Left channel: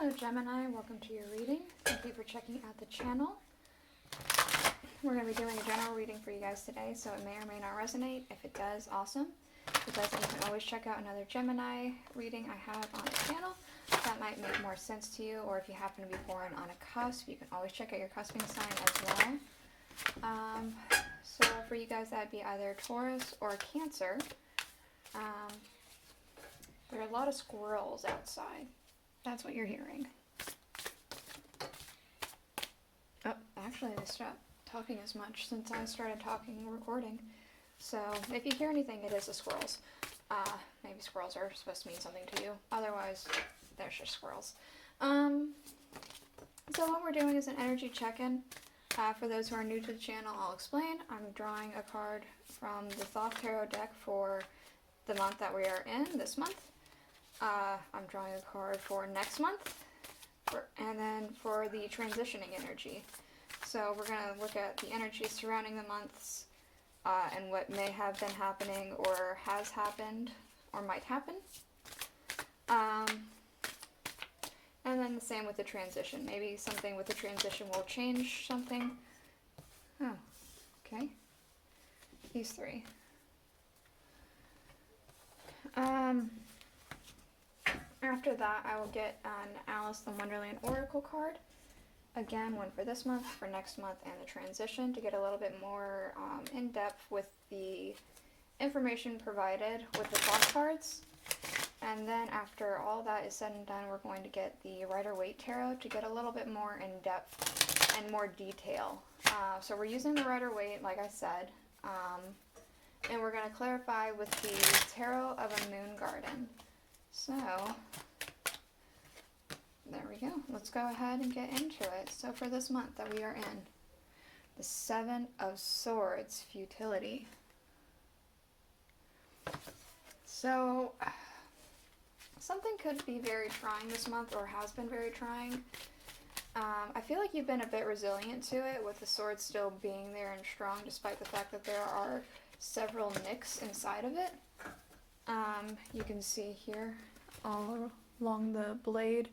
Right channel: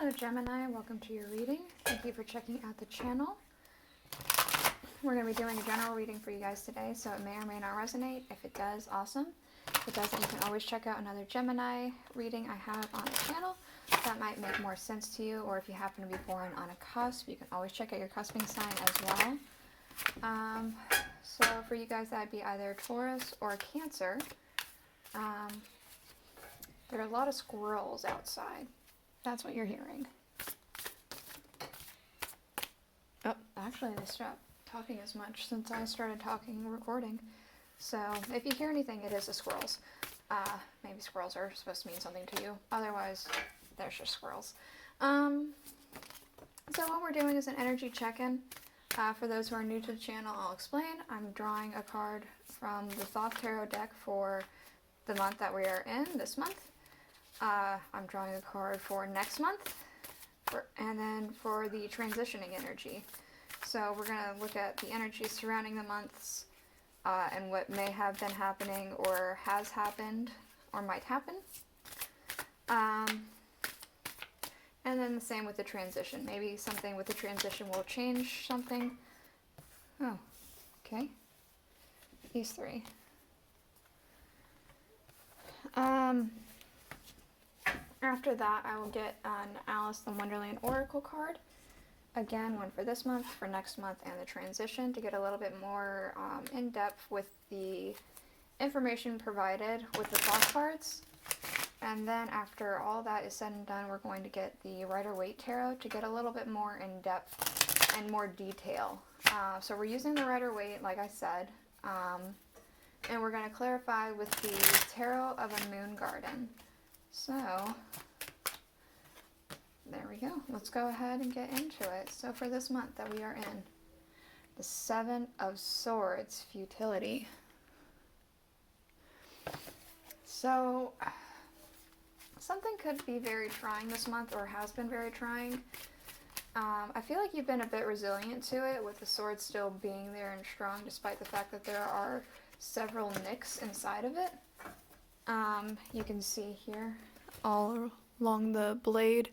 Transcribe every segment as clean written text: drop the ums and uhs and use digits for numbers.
Hello Gemini, welcome to your reading. Thank you for checking out the channel. We're going to be doing a general reading for you guys today, so it may or may not resonate. If it does, awesome. If it doesn't, you can always check out another Gemini reading I have on the channel. That might make more sense to you, or if you happen to be born on a cusp, you can always check out your cusping sign as well. So for you guys, that'd be either Taurus or Cancer. There are a lot of squirrels outside. That's what you're hearing. Oh, actually I stopped talking as much since I started talking and recording. So if you hear anything, it is the squirrels. Maybe squirrels are supposed to mean something to you. Otherwise, they're just squirrels. So what we're doing is an energy check-in. For those who are new to the channel, I'll explain. I'm drawing a card from the Thoth Tarot deck for the month that we are in, this month. I'm drawing a card for next month, and then for the transitioning energy. So we're going to look at the energy surrounding the months, and what may have been happening, or has happened, or might happen. And then the same with the transition. Maybe something with the transition will change something. Oh, okay. These three. After that, I will get an Alice the Wonderland Oracle card. Again, one for this month, for next month, and the transition, to get a little bit more in-depth with the information provided with the Thoth cards. And then after all that is said and done, we're going to get the Rider-Waite Tarot to get a little bit more in-depth and more detail. So we're using the Rider-Waite, like I said, and we're going to clarify with the Tarot of a Moon Garden. So, there we go. Let's go ahead and get into it. So for this month that we are in, the Seven of Swords, Futility. So, something could be very trying this month, or has been very trying. I feel like you've been a bit resilient to it, with the sword still being there and strong, despite the fact that there are several nicks inside of it. You can see here, all along the blade,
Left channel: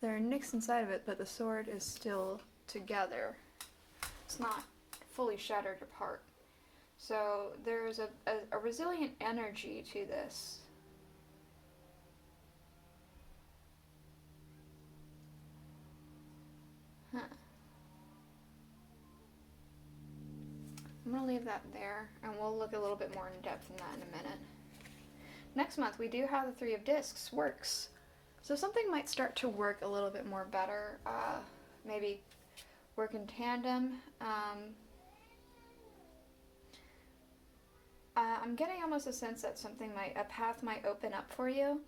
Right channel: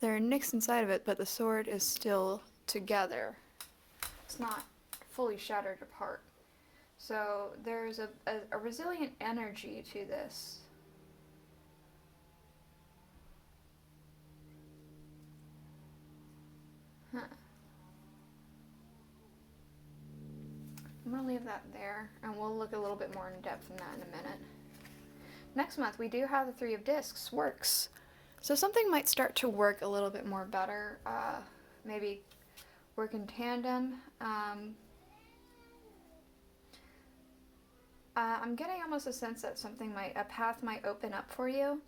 there are nicks inside of it, but the sword is still together. It's not fully shattered apart. So there's a resilient energy to this. I'm going to leave that there, and we'll look a little bit more in depth in that in a minute. Next month, we do have the Three of Discs, works. So something might start to work a little bit more better, maybe work in tandem. I'm getting almost a sense that a path might open up for you.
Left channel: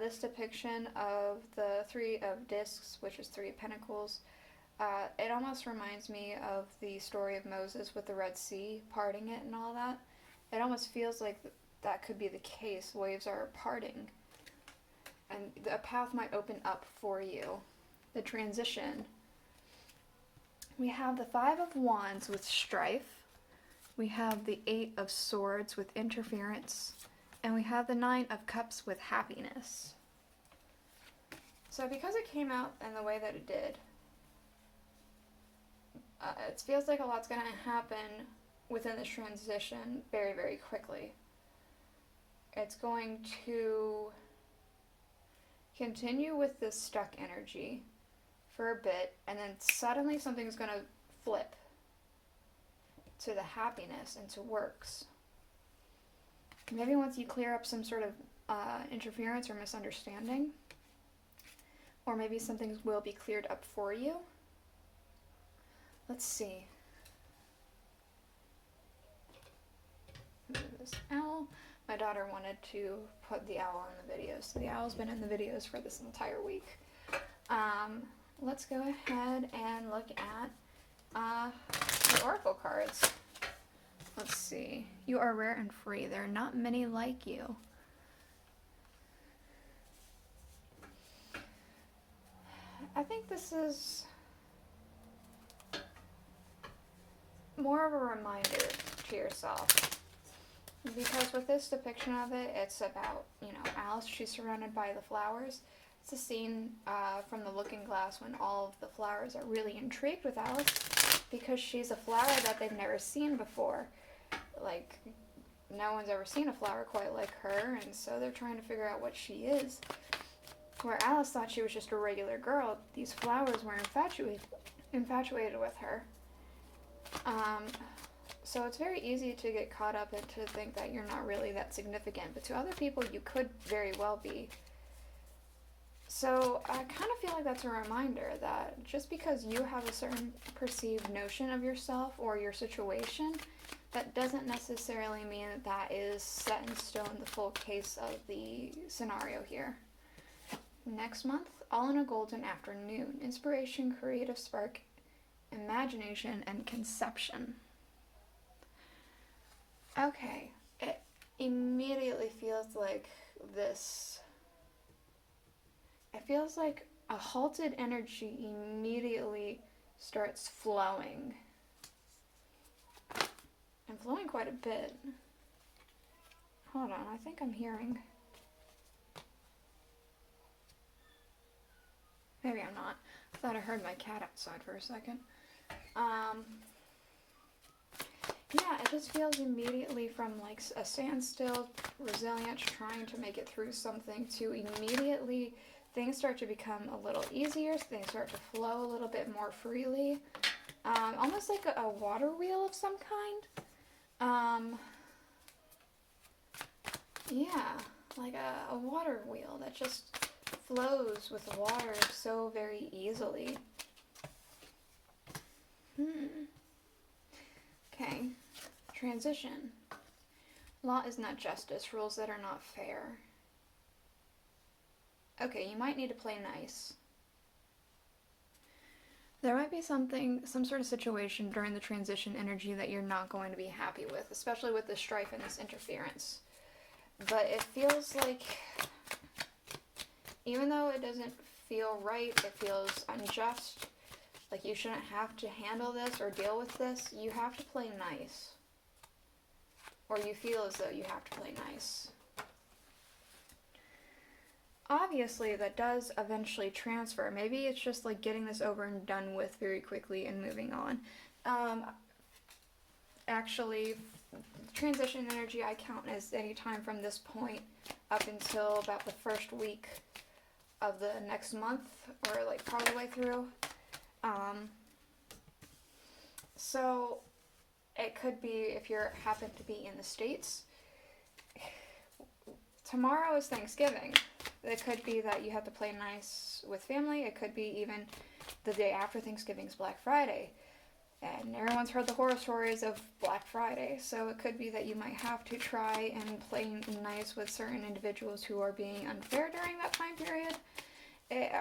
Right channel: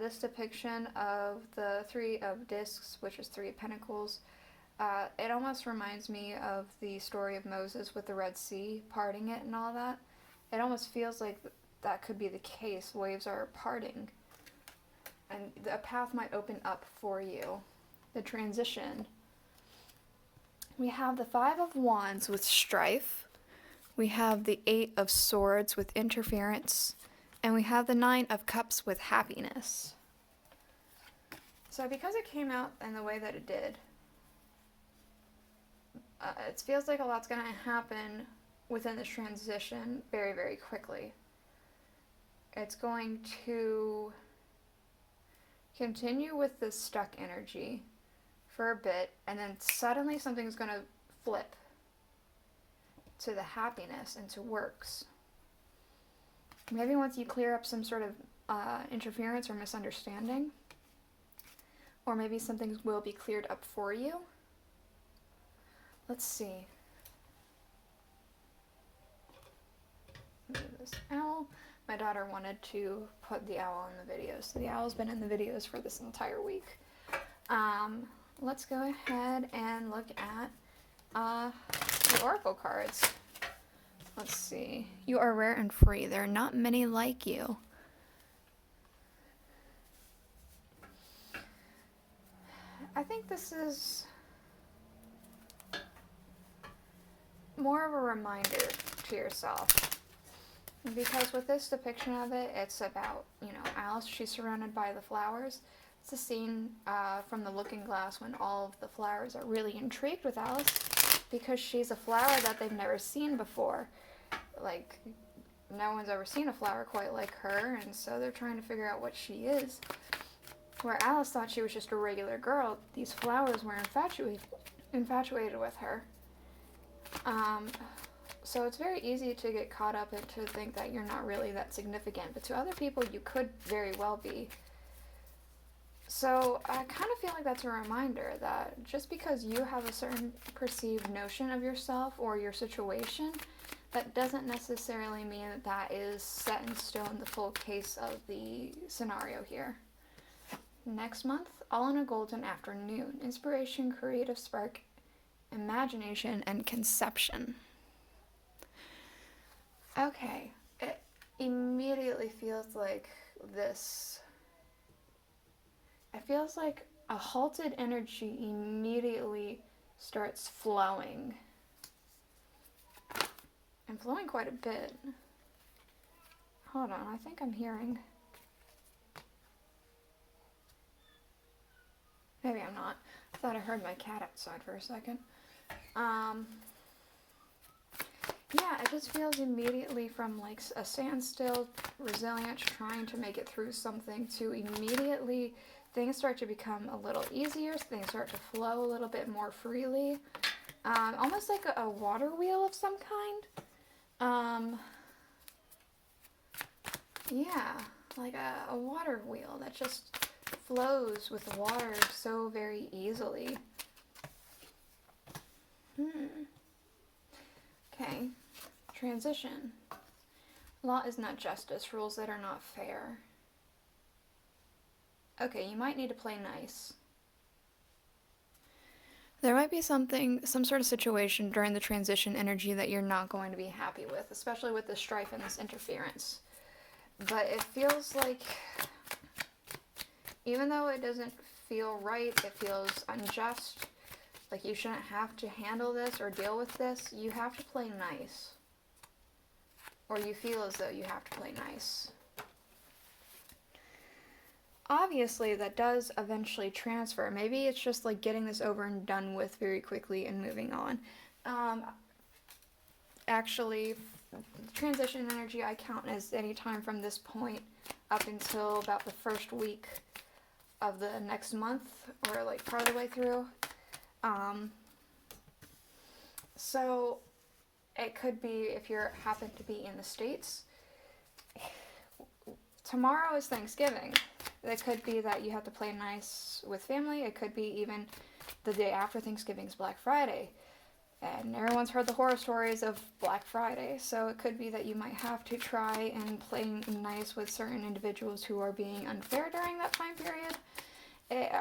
This depiction of the Three of Discs, which is Three of Pentacles, it almost reminds me of the story of Moses with the Red Sea, parting it and all that. It almost feels like that could be the case. Waves are parting, and a path might open up for you. The transition. We have the Five of Wands with strife. We have the Eight of Swords with interference. And we have the Nine of Cups with happiness. So because it came out in the way that it did, it feels like a lot's going to happen within this transition very, very quickly. It's going to continue with this stuck energy for a bit, and then suddenly something's going to flip to the happiness and to works. Maybe once you clear up some sort of interference or misunderstanding, or maybe something will be cleared up for you. Let's see. Move this owl. My daughter wanted to put the owl in the videos, so the owl's been in the videos for this entire week. Let's go ahead and look at the oracle cards. Let's see. You are rare and free. There are not many like you. I think this is more of a reminder to yourself. Because with this depiction of it, it's about, Alice, she's surrounded by the flowers. It's a scene from The Looking Glass when all of the flowers are really intrigued with Alice because she's a flower that they've never seen before. Like, no one's ever seen a flower quite like her, and so they're trying to figure out what she is. Where Alice thought she was just a regular girl, these flowers were infatuated with her. So it's very easy to get caught up and to think that you're not really that significant, but to other people you could very well be. So I kind of feel like that's a reminder that just because you have a certain perceived notion of yourself or your situation, that doesn't necessarily mean that that is set in stone, the full case of the scenario here. Next month, all in a golden afternoon. Inspiration, creative spark, imagination, and conception. Okay, it immediately feels like this. It feels like a halted energy immediately starts flowing. And flowing quite a bit. Hold on, I think I'm hearing. Maybe I'm not. I thought I heard my cat outside for a second. Yeah, it just feels immediately from like a standstill, resilience, trying to make it through something, to immediately things start to become a little easier, things start to flow a little bit more freely. Almost like a water wheel of some kind. Yeah, like a water wheel that just flows with water so very easily. Okay, transition. Law is not justice, rules that are not fair. Okay, you might need to play nice. There might be some sort of situation during the transition energy that you're not going to be happy with, especially with this strife and this interference. But it feels like, even though it doesn't feel right, it feels unjust, like you shouldn't have to handle this or deal with this, you have to play nice. Or you feel as though you have to play nice. Obviously, that does eventually transfer. Maybe it's just like getting this over and done with very quickly and moving on. Actually, transition energy I count as any time from this point up until about the first week of the next month, or like part of the way through. So it could be, if you happen to be in the States, tomorrow is Thanksgiving. It could be that you have to play nice with family. It could be even the day after Thanksgiving's Black Friday. And everyone's heard the horror stories of Black Friday, so it could be that you might have to try and play nice with certain individuals who are being unfair during that time period.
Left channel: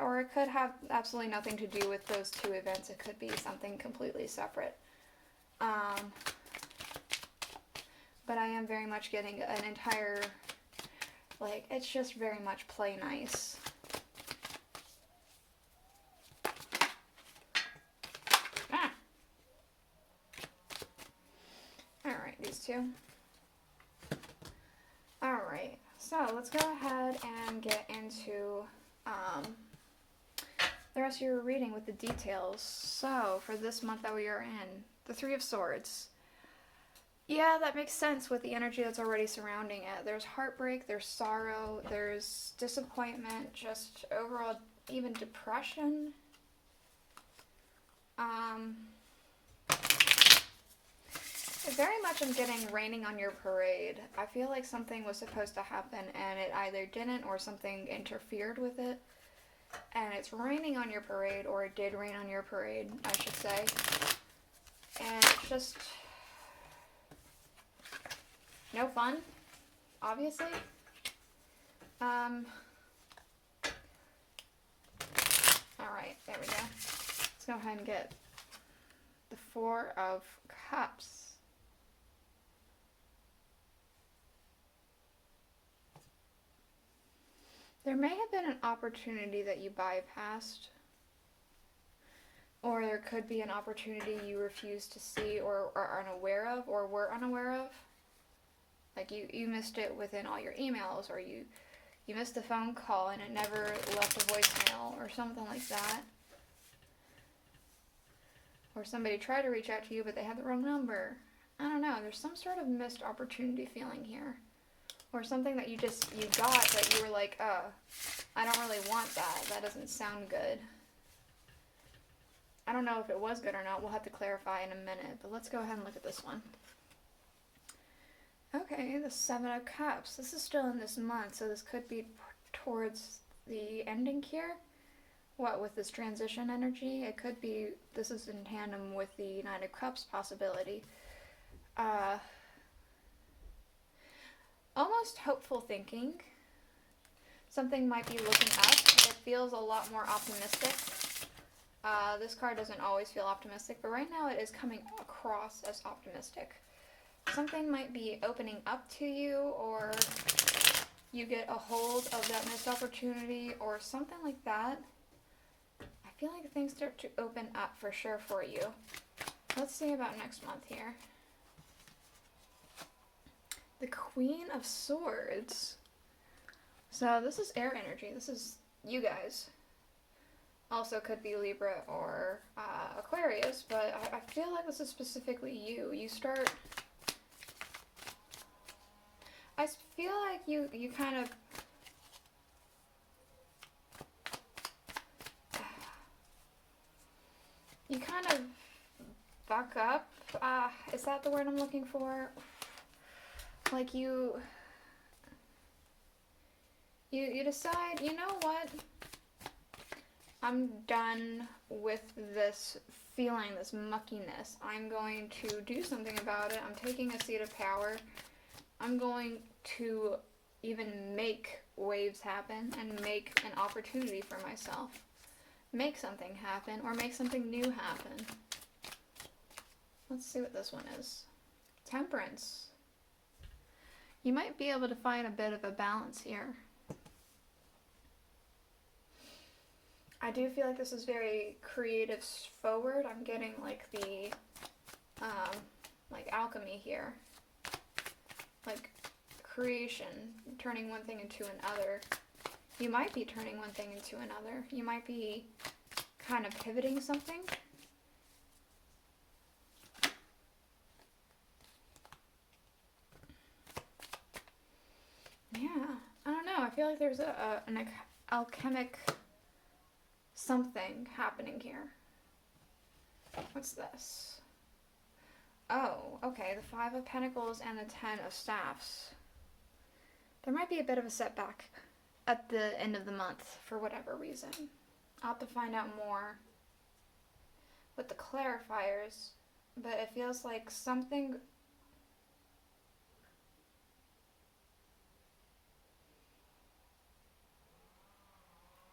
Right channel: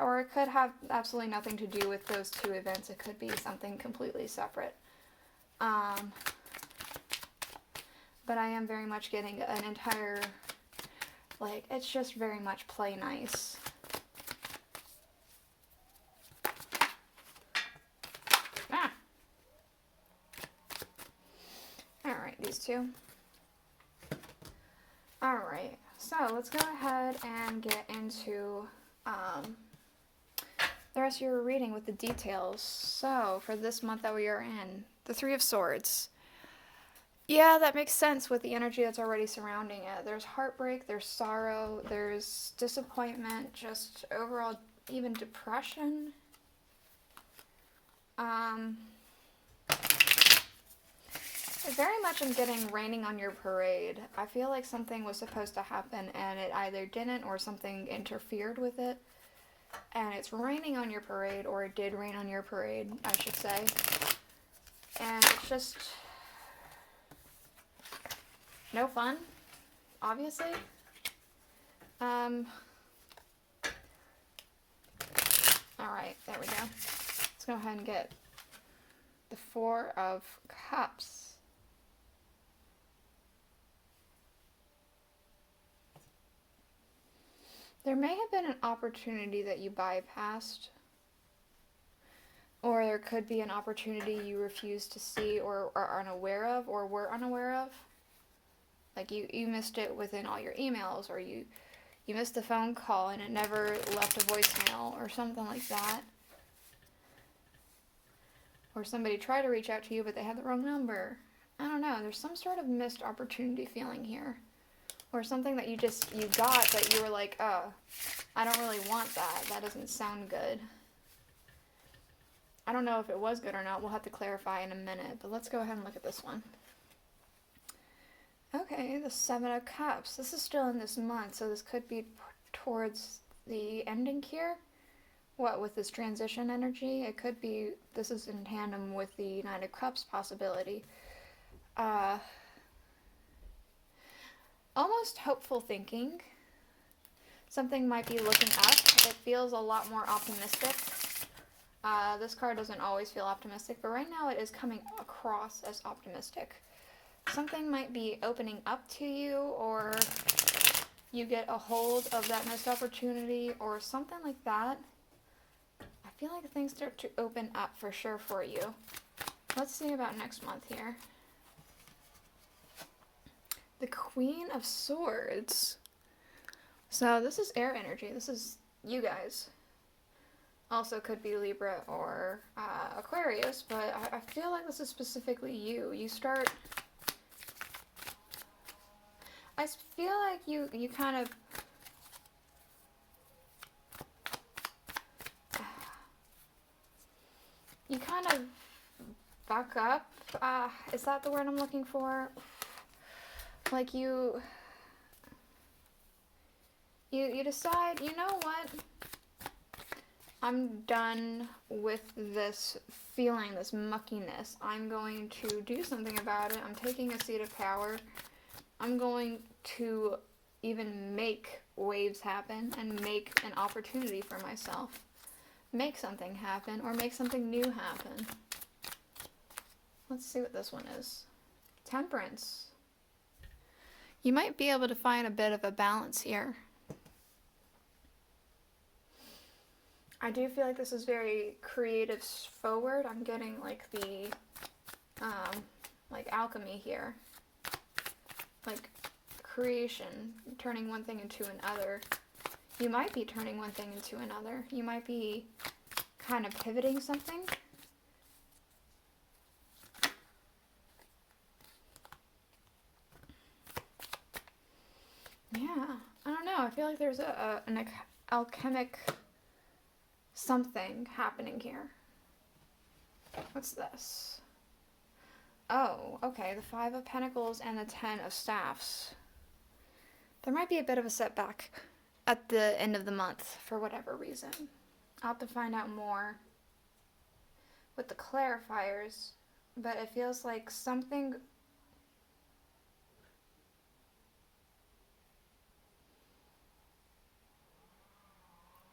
Or it could have absolutely nothing to do with those two events. It could be something completely separate. But I am very much getting an entire, like, it's just very much play nice. Alright, these two. Alright, so let's go ahead and get into the rest of your reading with the details. So, for this month that we are in, the Three of Swords. Yeah, that makes sense with the energy that's already surrounding it. There's heartbreak, there's sorrow, there's disappointment, just overall even depression. Very much I'm getting raining on your parade. I feel like something was supposed to happen and it either didn't or something interfered with it. And it's raining on your parade, or it did rain on your parade, I should say. And it's just no fun, obviously. Alright, there we go. Let's go ahead and get the Four of Cups. There may have been an opportunity that you bypassed, or there could be an opportunity you refused to see or are unaware of, or were unaware of. Like you missed it within all your emails, or you you missed a phone call and it never left a voicemail or something like that. Or somebody tried to reach out to you but they had the wrong number. I don't know, there's some sort of missed opportunity feeling here. Or something that you got that you were like, I don't really want that. That doesn't sound good. I don't know if it was good or not. We'll have to clarify in a minute. But let's go ahead and look at this one. Okay, the Seven of Cups. This is still in this month, so this could be towards the ending here. What, with this transition energy? It could be, this is in tandem with the Nine of Cups possibility. Almost hopeful thinking. Something might be looking up. It feels a lot more optimistic. This card doesn't always feel optimistic, but right now it is coming across as optimistic. Something might be opening up to you, or you get a hold of that missed opportunity, or something like that. I feel like things start to open up for sure for you. Let's see about next month here. The Queen of Swords. So this is air energy. This is you guys. Also could be Libra or Aquarius, but I feel like this is specifically you. You start... I feel like you kind of... You kind of buck up. Is that the word I'm looking for? Like you decide, you know what? I'm done with this feeling, this muckiness. I'm going to do something about it. I'm taking a seat of power. I'm going to even make waves happen and make an opportunity for myself. Make something happen or make something new happen. Let's see what this one is. Temperance. You might be able to find a bit of a balance here. I do feel like this is very creative forward. I'm getting like the, like alchemy here. Like creation, turning one thing into another. You might be turning one thing into another. You might be kind of pivoting something. Yeah, I don't know. I feel like there's an alchemic something happening here. What's this? Oh, okay. The Five of Pentacles and the Ten of Staffs. There might be a bit of a setback at the end of the month for whatever reason. I'll have to find out more with the clarifiers, but it feels like something...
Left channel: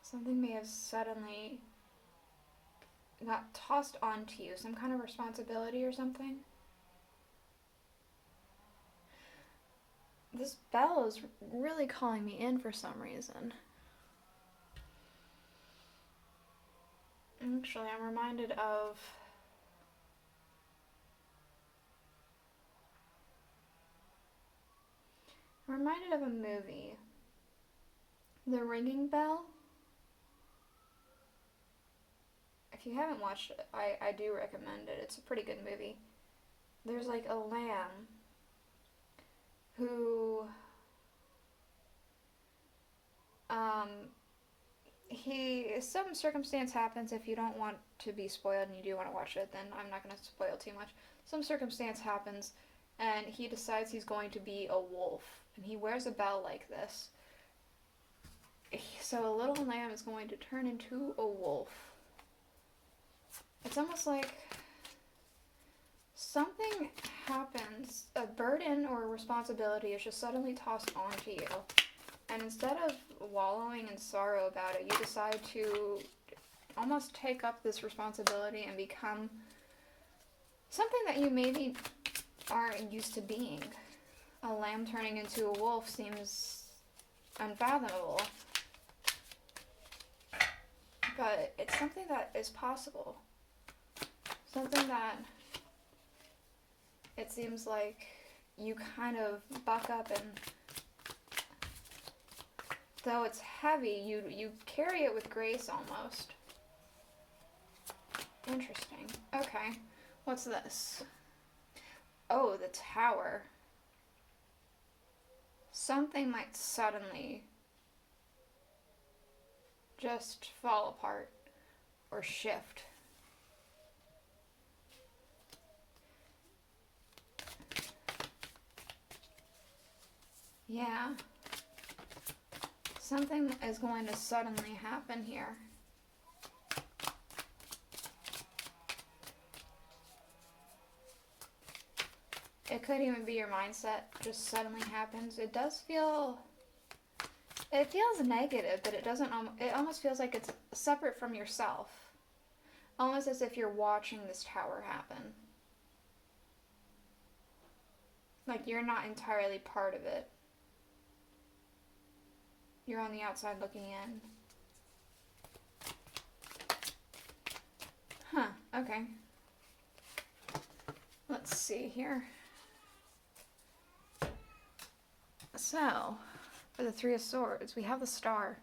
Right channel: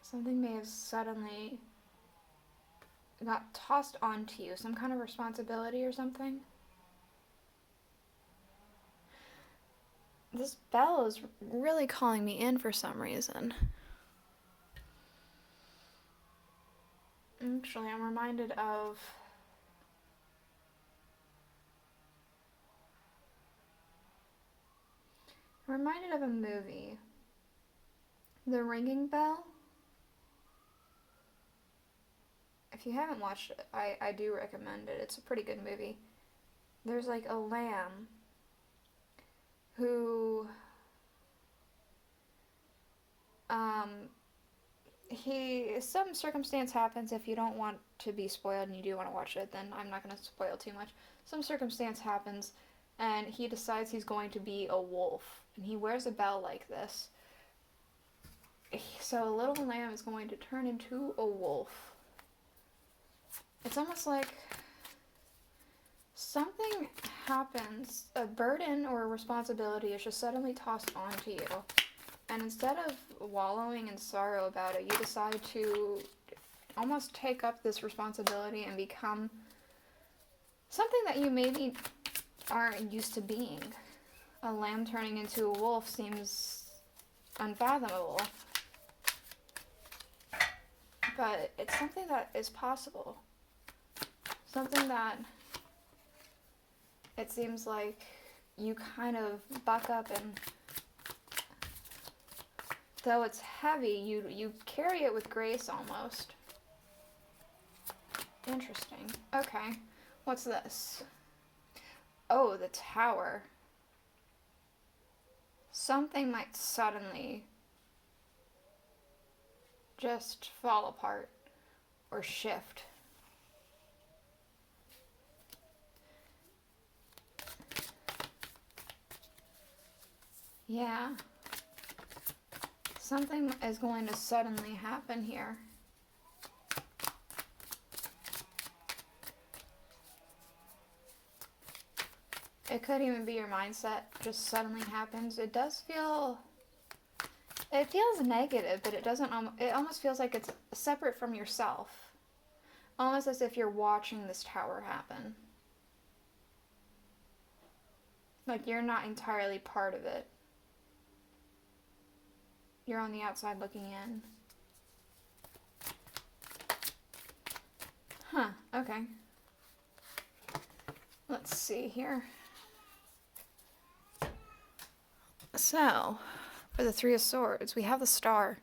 Something may have suddenly got tossed onto you. Some kind of responsibility or something. This bell is really calling me in for some reason. Actually, I'm reminded of... a movie. The Ringing Bell. If you haven't watched it, I do recommend it. It's a pretty good movie. There's like a lamb who some circumstance happens. If you don't want to be spoiled and you do want to watch it, then I'm not going to spoil too much. Some circumstance happens and he decides he's going to be a wolf, and he wears a bell like this. So a little lamb is going to turn into a wolf. It's almost like something happens, a burden or a responsibility is just suddenly tossed onto you. And instead of wallowing in sorrow about it, you decide to almost take up this responsibility and become something that you maybe aren't used to being. A lamb turning into a wolf seems unfathomable. But it's something that is possible. Something that it seems like you kind of buck up and though it's heavy, you carry it with grace almost. Interesting. Okay. What's this? Oh, the Tower. Something might suddenly just fall apart or shift. Yeah. Something is going to suddenly happen here. It could even be your mindset just suddenly happens. It does feel, it feels negative, but it doesn't, it almost feels like it's separate from yourself. Almost as if you're watching this tower happen. Like you're not entirely part of it. You're on the outside looking in. Huh, okay. Let's see here. So, for the Three of Swords, we have the Star.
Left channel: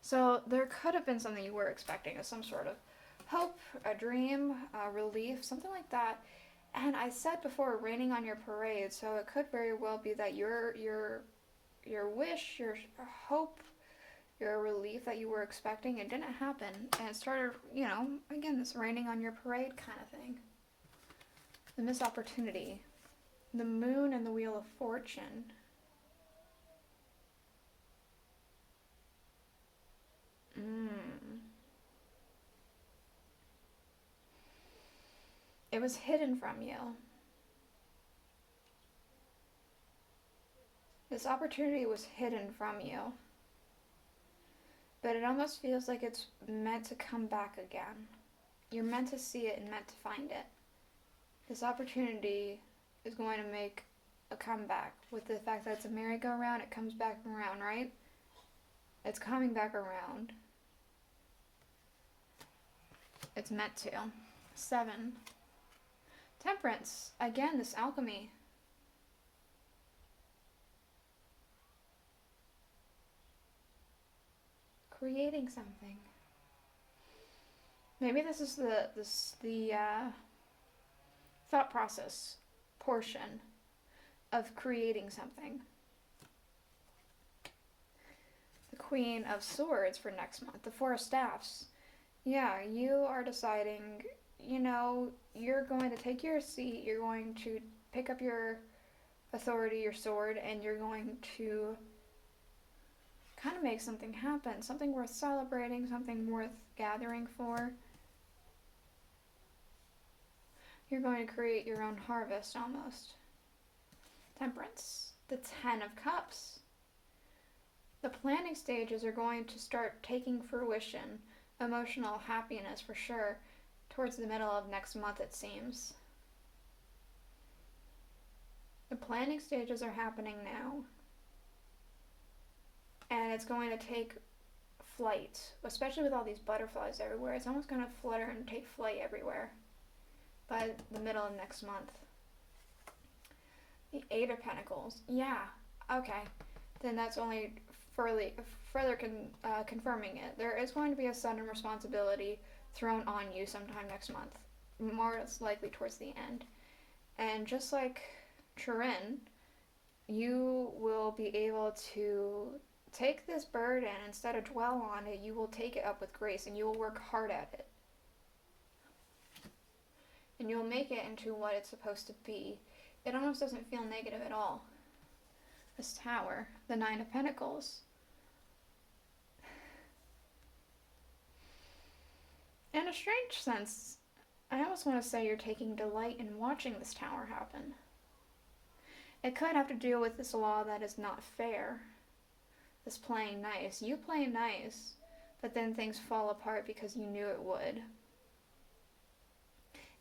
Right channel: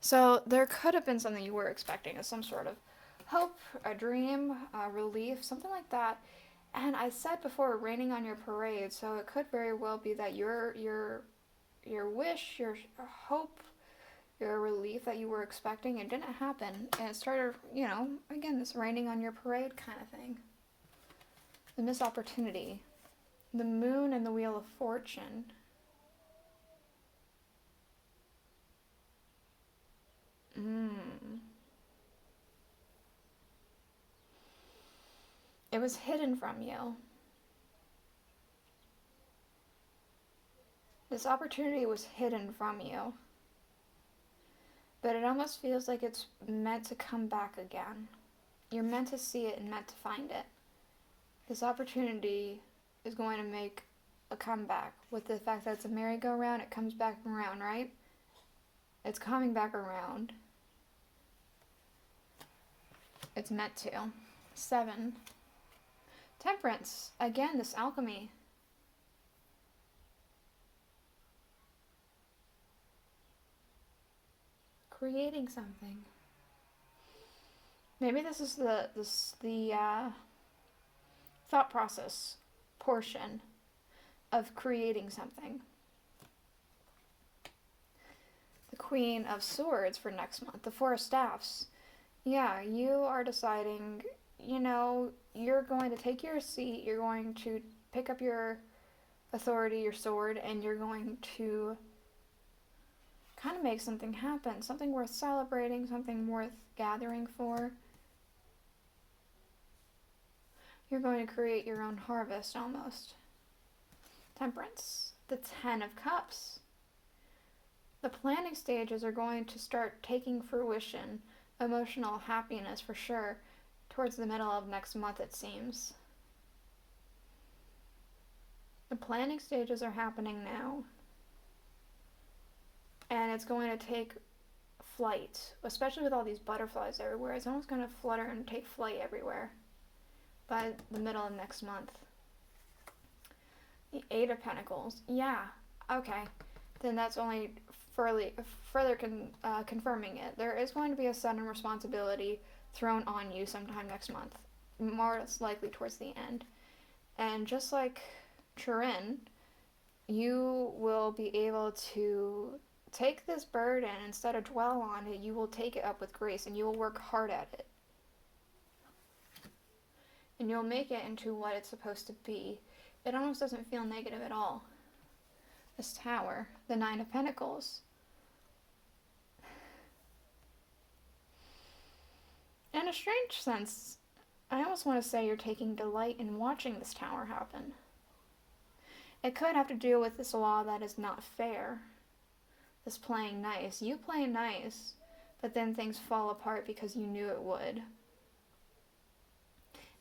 So there could have been something you were expecting, some sort of hope, a dream, a relief, something like that. And I said before, raining on your parade, so it could very well be that your wish, your hope, your relief that you were expecting, it didn't happen. And it started, you know, again, this raining on your parade kind of thing. The missed opportunity. The Moon and the Wheel of Fortune. It was hidden from you. This opportunity was hidden from you. But it almost feels like it's meant to come back again. You're meant to see it and meant to find it. This opportunity is going to make a comeback. With the fact that it's a merry-go-round, it comes back around, right? It's coming back around. It's meant to. 7. Temperance. Again, this alchemy. Creating something. Maybe this is the thought process portion of creating something. The Queen of Swords for next month. The Four of Staffs. Yeah, you are deciding, you know, you're going to take your seat, you're going to pick up your authority, your sword, and you're going to kind of make something happen, something worth celebrating, something worth gathering for. You're going to create your own harvest almost. Temperance. The 10 of Cups. The planning stages are going to start taking fruition. Emotional happiness for sure. Towards the middle of next month, it seems. The planning stages are happening now. And it's going to take flight, especially with all these butterflies everywhere. It's almost going to flutter and take flight everywhere by the middle of next month. The 8 of Pentacles. Yeah, okay. Then that's only further confirming it. There is going to be a sudden responsibility thrown on you sometime next month, more likely towards the end. And just like Turin, you will be able to take this burden, instead of dwell on it, you will take it up with grace and you will work hard at it. And you'll make it into what it's supposed to be. It almost doesn't feel negative at all. This Tower, the 9 of Pentacles. In a strange sense, I almost want to say you're taking delight in watching this tower happen. It could have to do with this law that is not fair. This playing nice. You play nice, but then things fall apart because you knew it would.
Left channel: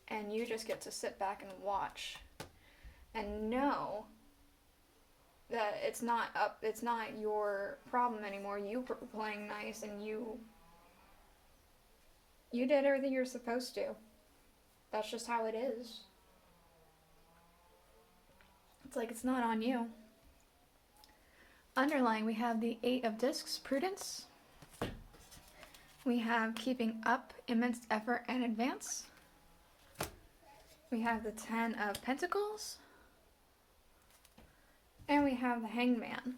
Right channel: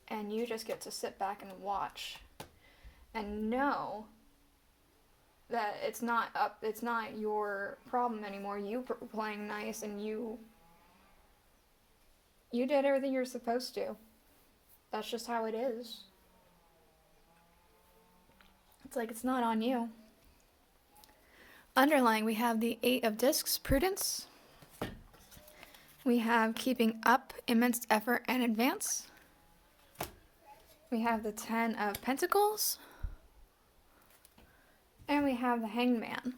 And you just get to sit back and watch and know that it's not your problem anymore. You playing nice and you did everything you're supposed to. That's just how it is. It's like it's not on you. Underlying, we have the Eight of Discs, prudence. We have keeping up, immense effort and advance. We have the Ten of Pentacles. And we have the Hangman.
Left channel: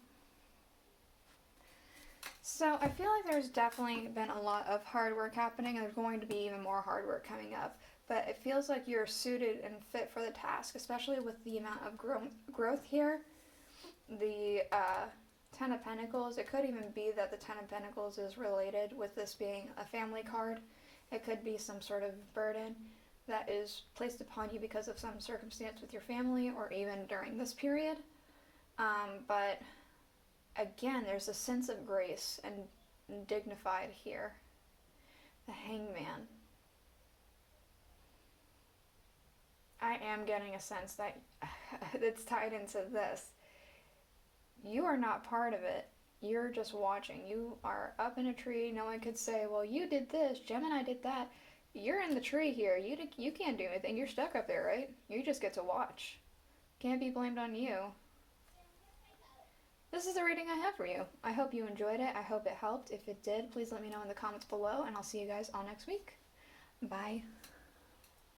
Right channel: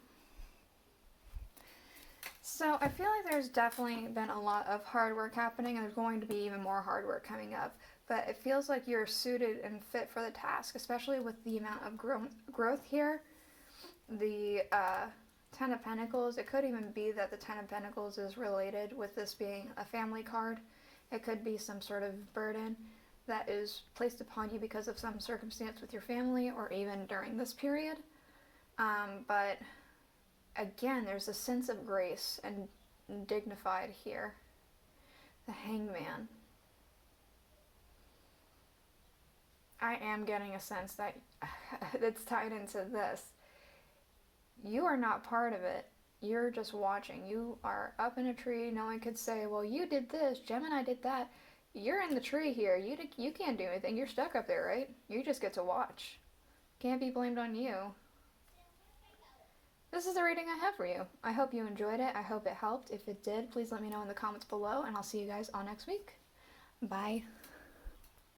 So I feel like there's definitely been a lot of hard work happening, and there's going to be even more hard work coming up. But it feels like you're suited and fit for the task, especially with the amount of growth here. The Ten of Pentacles, it could even be that the Ten of Pentacles is related with this being a family card. It could be some sort of burden that is placed upon you because of some circumstance with your family or even during this period. But again, there's a sense of grace and dignified here. The Hangman. I am getting a sense that it's tied into this. You are not part of it. You're just watching. You are up in a tree. No one could say, well, you did this, Gemini did that. You're in the tree here. You can't do anything. You're stuck up there, right? You just get to watch. Can't be blamed on you. This is the reading I have for you. I hope you enjoyed it. I hope it helped. If it did, please let me know in the comments below, and I'll see you guys all next week. Bye.